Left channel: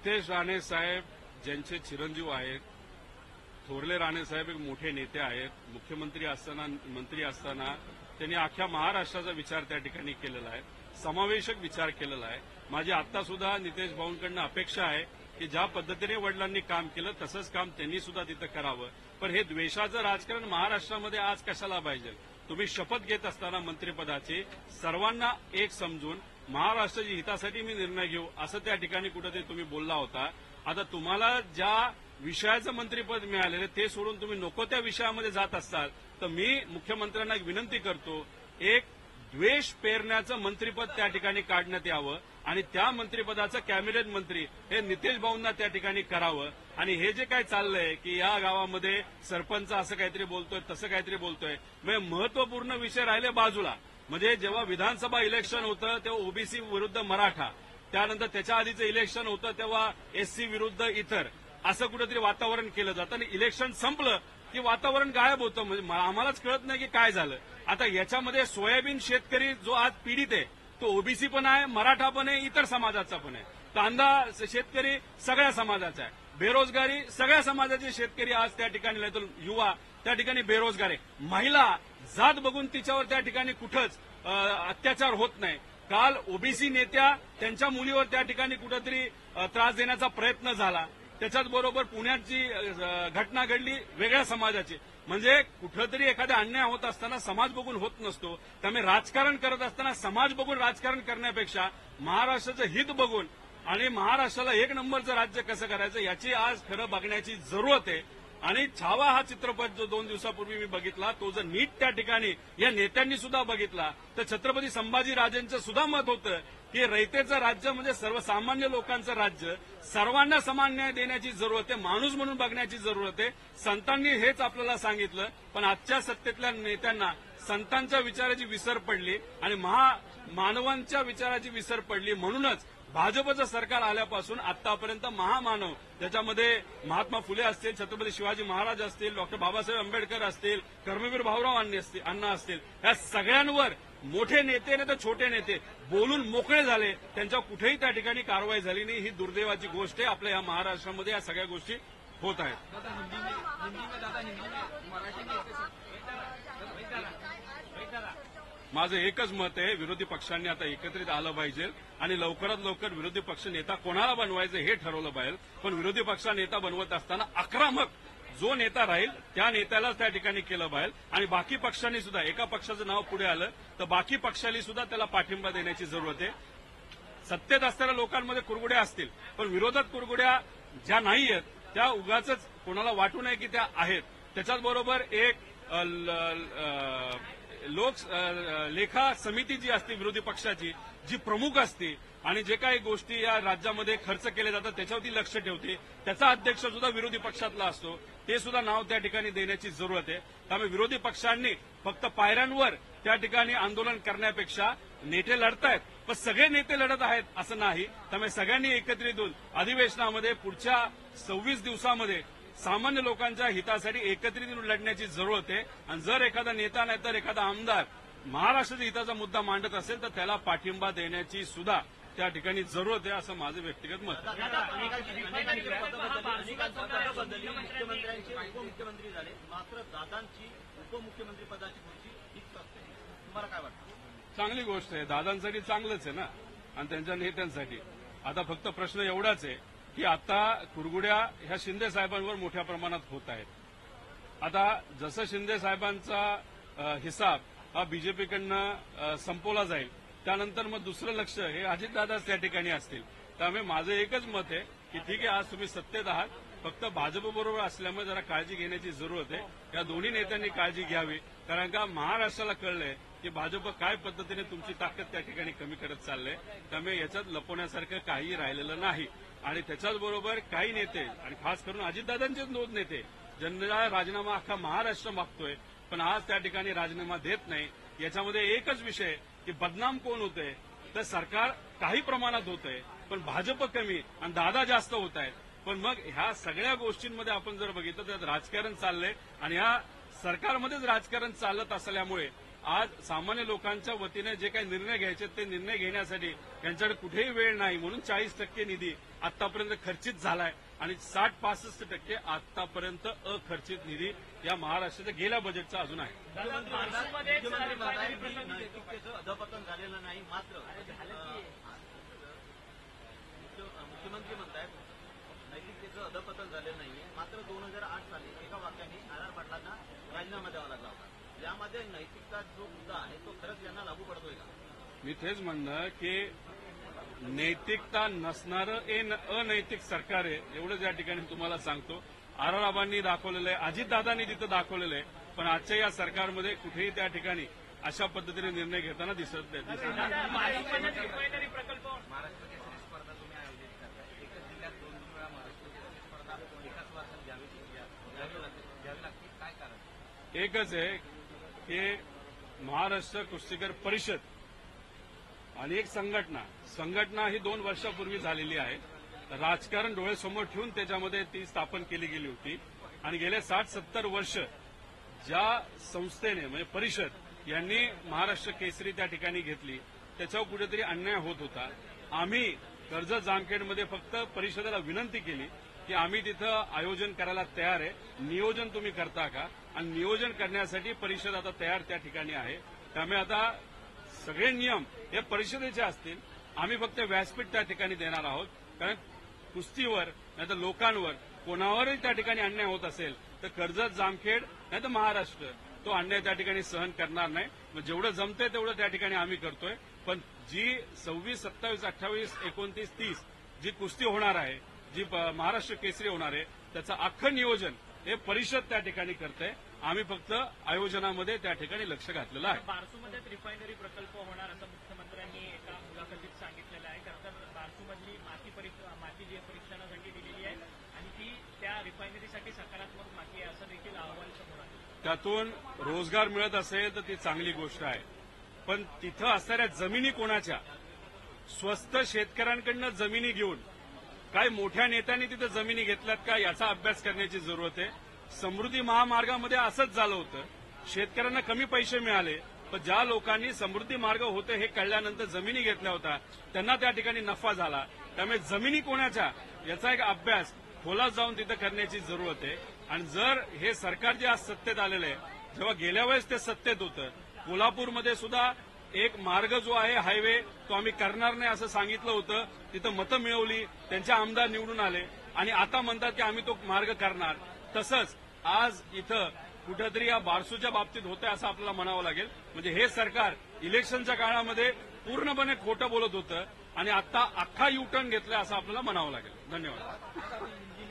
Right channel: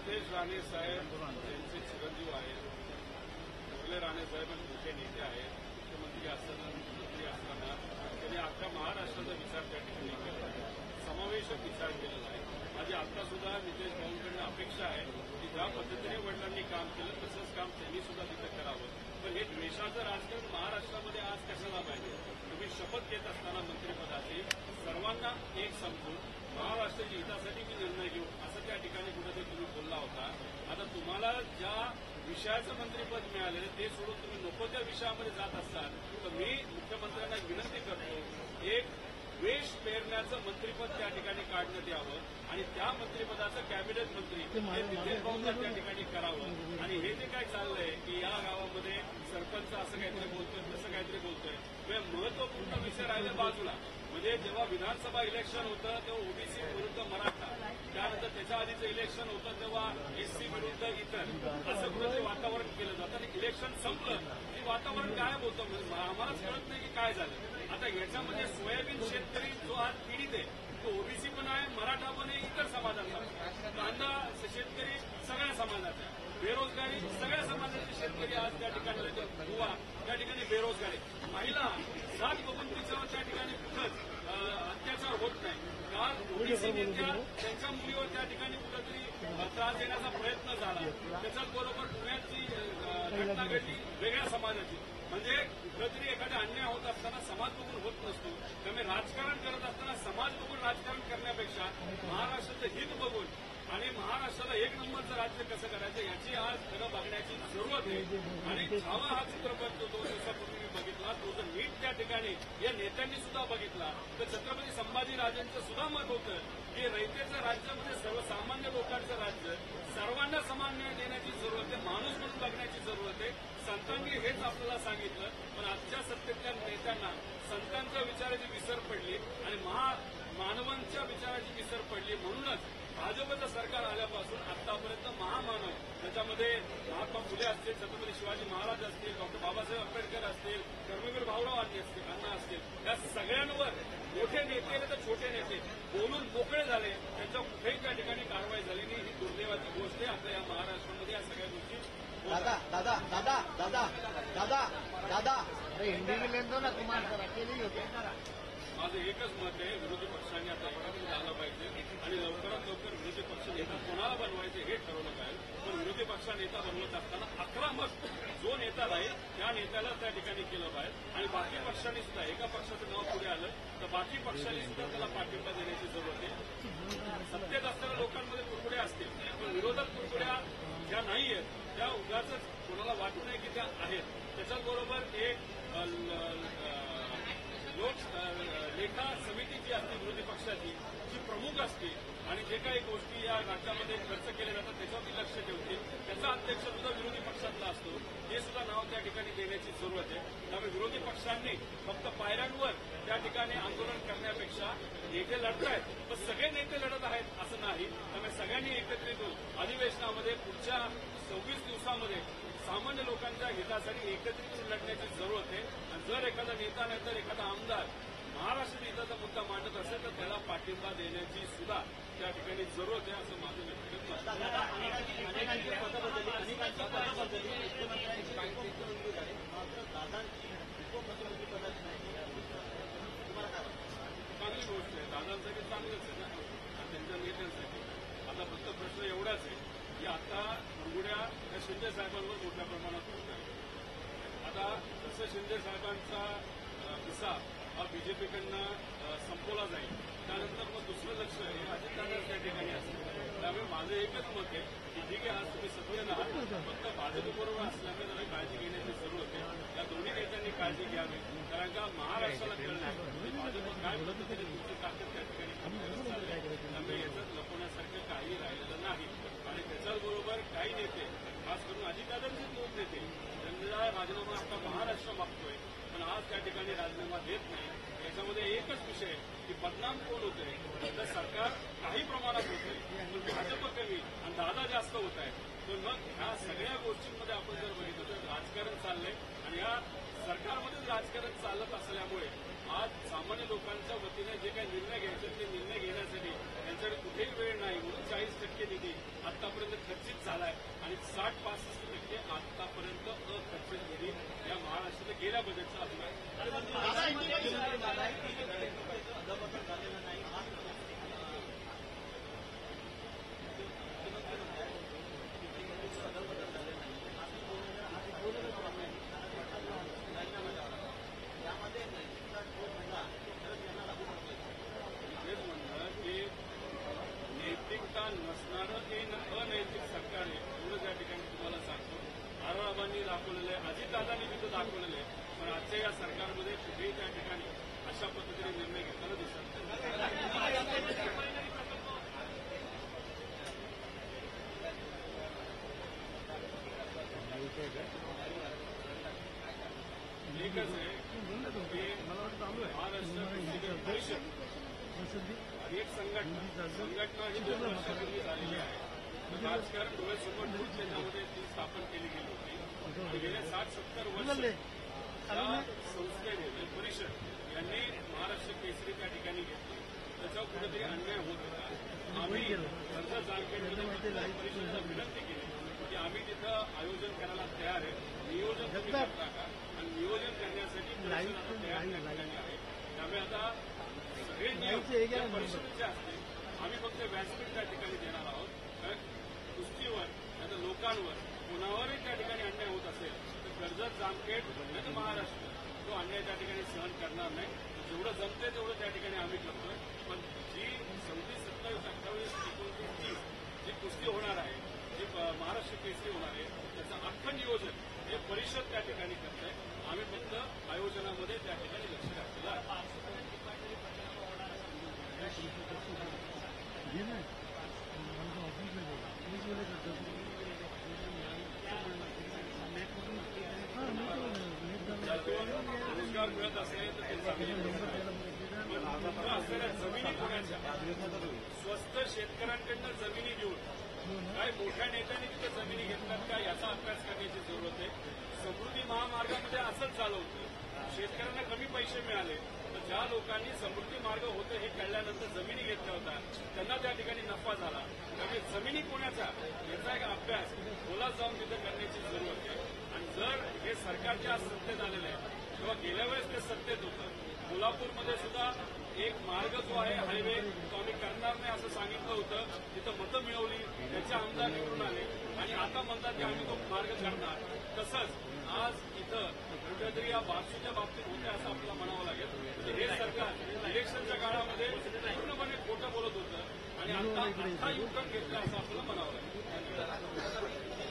नितेश राणे साहेब ज्यांचे चिरंजीव आहेत, थोरले राणे साहेब एक मोठे नेते आहेत. मुख्यमंत्री असताना, मंत्री असताना त्यांनी अख्ख्या महाराष्ट्राचा विचार त्या ठिकाणी केलेला आहे, समावेशक विचार केलेला आहे. माझी आता सुद्धा नितेश भाऊंकडनं अपेक्षा आहे की ज्या पद्धतीने वडिलांनी काम केलं तसंच काम त्यांनी सुद्धा तिथं करावं. पण हे द्वेषाचं राजकारण महाराष्ट्रामध्ये आज कशाला पाहिजे? तुम्ही शपथ घेत असताना मंत्रिपदाची सर्वांना एक समजून महाराष्ट्राच्या हितासाठी मी निर्णय घेऊ असं त्या ठिकाणी कुठेतरी तुम्ही बोलला होता. आता तुम्हाला ज्या विषयाचं मंत्रिपद मिळालेलं ते सोडून तुम्ही नको त्या विषयामध्ये जात असतात तर मी मुख्यमंत्र्यांना विनंती करतो, एक द्वेष पेरण्याचं मंत्रिपद त्या ठिकाणी काढण्यात यावं आणि त्या मंत्रिपदाचं कॅबिनेट मंत्री हे नितेश भाऊंना त्या ठिकाणी करावं. आणि हे जे काय चाललंय की या गावामध्ये सरपंच असं काहीतरी बोलतोय, तसं काहीतरी बोलतोय, म्हणजे महत्वपूर्ण विषय राहिले बाजूला. म्हणजे जेव्हा विधानसभा इलेक्शन होतं तेव्हा ओबीसी विरुद्ध मराठा, त्यानंतर त्याच्या आधीचं इलेक्शन होतं तेव्हा एससी विरुद्ध इतर, असं कुठेतरी वातावरण केलं जातं आणि इलेक्शन संपलं की वातावरण गायब होतं. म्हणजे आम्हालाच कळत नाही की काय झालं. आता याच्यामध्ये सोयाबीन शेतकरी जो आज पीडित आहे तो ओबीसी पण आहे, मराठा पण आहे, इतर समाजाचा पण आहे. कांदा शेतकरी सगळ्या समाजाचा आहे, बेरोजगारी सगळ्या समाजाचे शेतकरी आज त्या ठिकाणी, युवा त्या ठिकाणी बेरोजगार आहे. महिला जात बघून तिच्यावर त्या ठिकाणी कुठंच अत्याचार होत नाही. काल ओबीसी नेत्या त्यांच्या मुलीवर त्या ठिकाणी कुठेतरी त्रास देण्याचा प्रयत्न झाला. त्याच्याच बरोबर पुण्याची घटना घडली वेगळ्या समाजाची. म्हणजे कुठंतरी एखादा अन्याय होत असताना समाज बघून होत नसतो. त्यामुळे राजकारण करत असताना समाज बघून राजकारण करण्यापेक्षा महाराष्ट्राचं हित बघून आणि महाराष्ट्राला एक नंबरचं राज्य कसं करायचं याची आज खरं बघण्याची जरूरत आहे. आणि छावा हा चित्रपट जो 2 दिवसापूर्वी मी बघितला तो जर नीट त्या ठिकाणी या नेत्यांनी सुद्धा बघितला तर छत्रपती संभाजीराजेंचं सुद्धा मत होतं की रयतेचं राज्य म्हणजे सर्वसामान्य लोकांचं राज्य, सर्वांना समान न्याय देण्याची जरूरत आहे, माणूस म्हणून बघण्याची जरूरत आहे. संतांनी हेच आपल्याला सांगितलं, पण आजच्या सत्तेतल्या नेत्यांना संतांच्या विचाराची विसर पडली आणि मानवांच्या विचाराची विसर पडली. म्हणूनच भाजपचं सरकार आल्यापासून आतापर्यंत महामानव, त्याच्यामध्ये महात्मा फुले असतील, छत्रपती शिवाजी महाराज असतील, डॉक्टर बाबासाहेब आंबेडकर असतील, कर्मवीर भाऊराव अण्णा असतील, या सगळ्यांवर मोठे नेते नाही तर छोटे नेते बोलून मोकळे झाले. त्यांच्या कुठेही त्या ठिकाणी कारवाई झाली नाही. ही दुर्दैवाची गोष्ट आहे. आपल्या या महाराष्ट्रामध्ये या सगळ्या गोष्टी होत आहेत. माझं एकच मत आहे, विरोधी पक्षांनी आता एकत्रित आलं पाहिजे आणि लवकरात लवकर विरोधी पक्ष नेता कोणाला बनवायचं हे ठरवलं पाहिजे. पण विरोधी पक्ष नेता बनवत असताना आक्रमक जो नेता राहील त्या नेत्याला त्या ठिकाणी केलं पाहिजे. आणि बाकी पक्षांनी सुद्धा, एका पक्षाचं नाव पुढे आलं तर बाकी पक्षांनी सुद्धा त्याला पाठिंबा देण्याची जरूरत आहे. सत्तेत असणाऱ्या लोकांमध्ये कुरघुड्या असतील, पण विरोधात कुरघुड्या ज्या नाही आहेत त्या उगाच कोणाला वाटू नये की त्या आहेत. त्याच्याच बरोबर एक लेखा समिती जी असते विरोधी पक्षाची, जी प्रमुख असते आणि जे काही गोष्टी या राज्यामध्ये खर्च केले जातात त्याच्यावरती लक्ष ठेवते, त्याचा अध्यक्ष सुद्धा विरोधी पक्षातला असतो, ते सुद्धा नाव त्या ठिकाणी देण्याची जरूरत आहे. त्यामुळे विरोधी पक्षांनी फक्त पायऱ्यांवर त्या ठिकाणी आंदोलन करण्यापेक्षा नेते लढतायत, पण सगळे नेते लढत आहेत असं नाही. त्यामुळे सगळ्यांनी एकत्रित होऊन अधिवेशनामध्ये पुढच्या 26 दिवसामध्ये सामान्य लोकांच्या हितासाठी एकत्रित लढण्याची जरूरत आहे. आणि जर एखादा नेता नाही तर एखादा आमदार महाराष्ट्राच्या हिताचा मुद्दा मांडत असेल तर त्याला पाठिंबा देण्याची सुद्धा त्या ठिकाणी जरूरत आहे, असं माझं व्यक्तिगत मत आहे. चांगली गोष्ट आहे, दादांसाठी चांगलंच आहे ना आणि त्यांच्या नेत्यांसाठी. आता फक्त प्रश्न एवढाच आहे की आता कुरघुड्या ह्या शिंदे साहेबांवर मोठ्या प्रमाणात होत आहेत. आता जसं शिंदे साहेबांचा हिसाब हा बीजेपीकडनं संपवला जाईल त्यानंतर मग दुसरं लक्ष हे अजितदादाच त्या ठिकाणी असतील. त्यामुळे माझं एकच मत आहे की ठीक आहे, आज तुम्ही सत्तेत आहात, फक्त भाजपबरोबर असल्यामुळे जरा काळजी घेण्याची जरूरत आहे. या दोन्ही नेत्यांनी काळजी घ्यावी, कारण का महाराष्ट्राला कळलंय की भाजप काय पद्धतीने तुमची ताकद त्या ठिकाणी कमी करत चाललंय. त्यामुळे याच्यात लपवण्यासारखं काही राहिलेलं नाही. आणि त्याच्याच बरोबर काही नेते आणि खास करून अजितदादांचेच 2 नेते ज्यांना राजीनामा अख्खा महाराष्ट्र मागतोय पण आज त्या ठिकाणी राजीनामा देत नाही. याच्यामध्ये एकच विषय की बदनाम कोण होतंय, तर सरकार काही प्रमाणात होतंय पण भाजप कमी आणि दादा जास्त होत आहेत. पण मग ह्या सगळ्या गोष्टींमध्ये आपण जर बघितलं तर राजकारण चाललंय आणि ह्या सरकारमध्येच राजकारण चालत असल्यामुळे आज सामान्य लोकांच्या वतीने जे काही निर्णय घ्यायचे ते निर्णय घेण्यासाठी त्यांच्याकडे कुठेही वेळ नाही, म्हणून 40% निधी आतापर्यंत खर्चित झालाय आणि 60-65% आतापर्यंत अखर्चित निधी या महाराष्ट्राच्या गेल्या बजेटचा अजून आहे. मी तेच म्हणलं की नैतिकता नसणारं अनैतिक सरकार आहे एवढंच या ठिकाणी तुम्हाला सांगतो. आराराबांनी दाखवलेलं आहे, अजितदादांनी तिथं दाखवलेलं आहे, पण आजच्या या सरकारमध्ये कुठेही त्या ठिकाणी अशा पद्धतीने निर्णय घेताना दिसत नाही. एकच आहे की महाराष्ट्र कुस्तीगीर परिषद आणि एक संघटना ही 2 वर्षापूर्वी झालेली आहे. राजकारण डोळ्यासमोर ठेवून त्याच्यामध्ये ती स्थापन केली गेली होती आणि गेले 60-70 वर्ष ज्या संस्थेने म्हणजे परिषद यांनी महाराष्ट्र केसरी त्या ठिकाणी घेतली त्याच्यावर कुठेतरी अन्याय होत होता. आम्ही कर्जत जामखेडमध्ये फक्त परिषदेला विनंती केली की आम्ही तिथं आयोजन करायला तयार आहे, नियोजन तुम्ही करता का, आणि नियोजन करण्यासाठी परिषद आता तयार त्या ठिकाणी आहे. त्यामुळे आता सगळे नियम या परिषदेचे असतील, आम्ही फक्त व्यासपीठ त्या ठिकाणी देणार आहोत. कारण कुस्तीवर नाहीतर लोकांवर कोणावरही त्या ठिकाणी अन्याय होत असेल तर कर्जत जामखेड नाहीतर महाराष्ट्र तो अन्याय त्या ठिकाणी सहन करणार नाही. जेवढं जमतंय तेवढं त्या ठिकाणी आम्ही करतोय. पण जी 26, 27, 28, 29, 30 जी कुस्ती होणार आहे, जी महाराष्ट्र केसरी होणार आहे, त्याचं अख्खं नियोजन हे परिषद त्या ठिकाणी करते. आम्ही फक्त आयोजनामध्ये त्या ठिकाणी लक्ष घातलेलं आहे. त्यातून रोजगार मिळत असेल तर ती चांगली गोष्ट आहे, पण तिथं असणाऱ्या जमिनी कोणाच्या, स्वस्त शेतकऱ्यांकडनं जमिनी घेऊन काय मोठ्या नेत्यांनी तिथं जमिनी घेतल्यात का याचा अभ्यास करण्याची जरूरत आहे. समृद्धी महामार्गामध्ये असंच झालं होतं, शेतकऱ्यांना कमी पैसे मिळाले, पण ज्या लोकांनी समृद्धी मार्ग होते हे कळल्यानंतर जमिनी घेतल्या होत्या त्यांना त्या ठिकाणी नफा झाला. त्यामुळे जमिनी कोणाच्या याचा एक अभ्यास खोलात जाऊन तिथं करण्याची जरूरत आहे. आणि जर हे सरकार जे आज सत्तेत आलेलं आहे, तेव्हा गेल्या वेळेस ते सत्तेत होतं, कोल्हापूरमध्ये सुद्धा एक मार्ग जो आहे हायवे तो आम्ही करणार नाही असं सांगितलं होतं, तिथं मतं मिळवली, त्यांचे आमदार निवडून आले आणि आता म्हणतात की आम्ही तो मार्ग करणार. तसंच आज इथं कुठेतरी या बारसूच्या बाबतीत होतंय असं आपल्याला म्हणावं लागेल. म्हणजे हे सरकार इलेक्शनच्या काळामध्ये पूर्णपणे खोटं बोलत होतं आणि आता अख्खा युटर्न घेतलाय असं आपल्याला म्हणावं लागेल. धन्यवाद.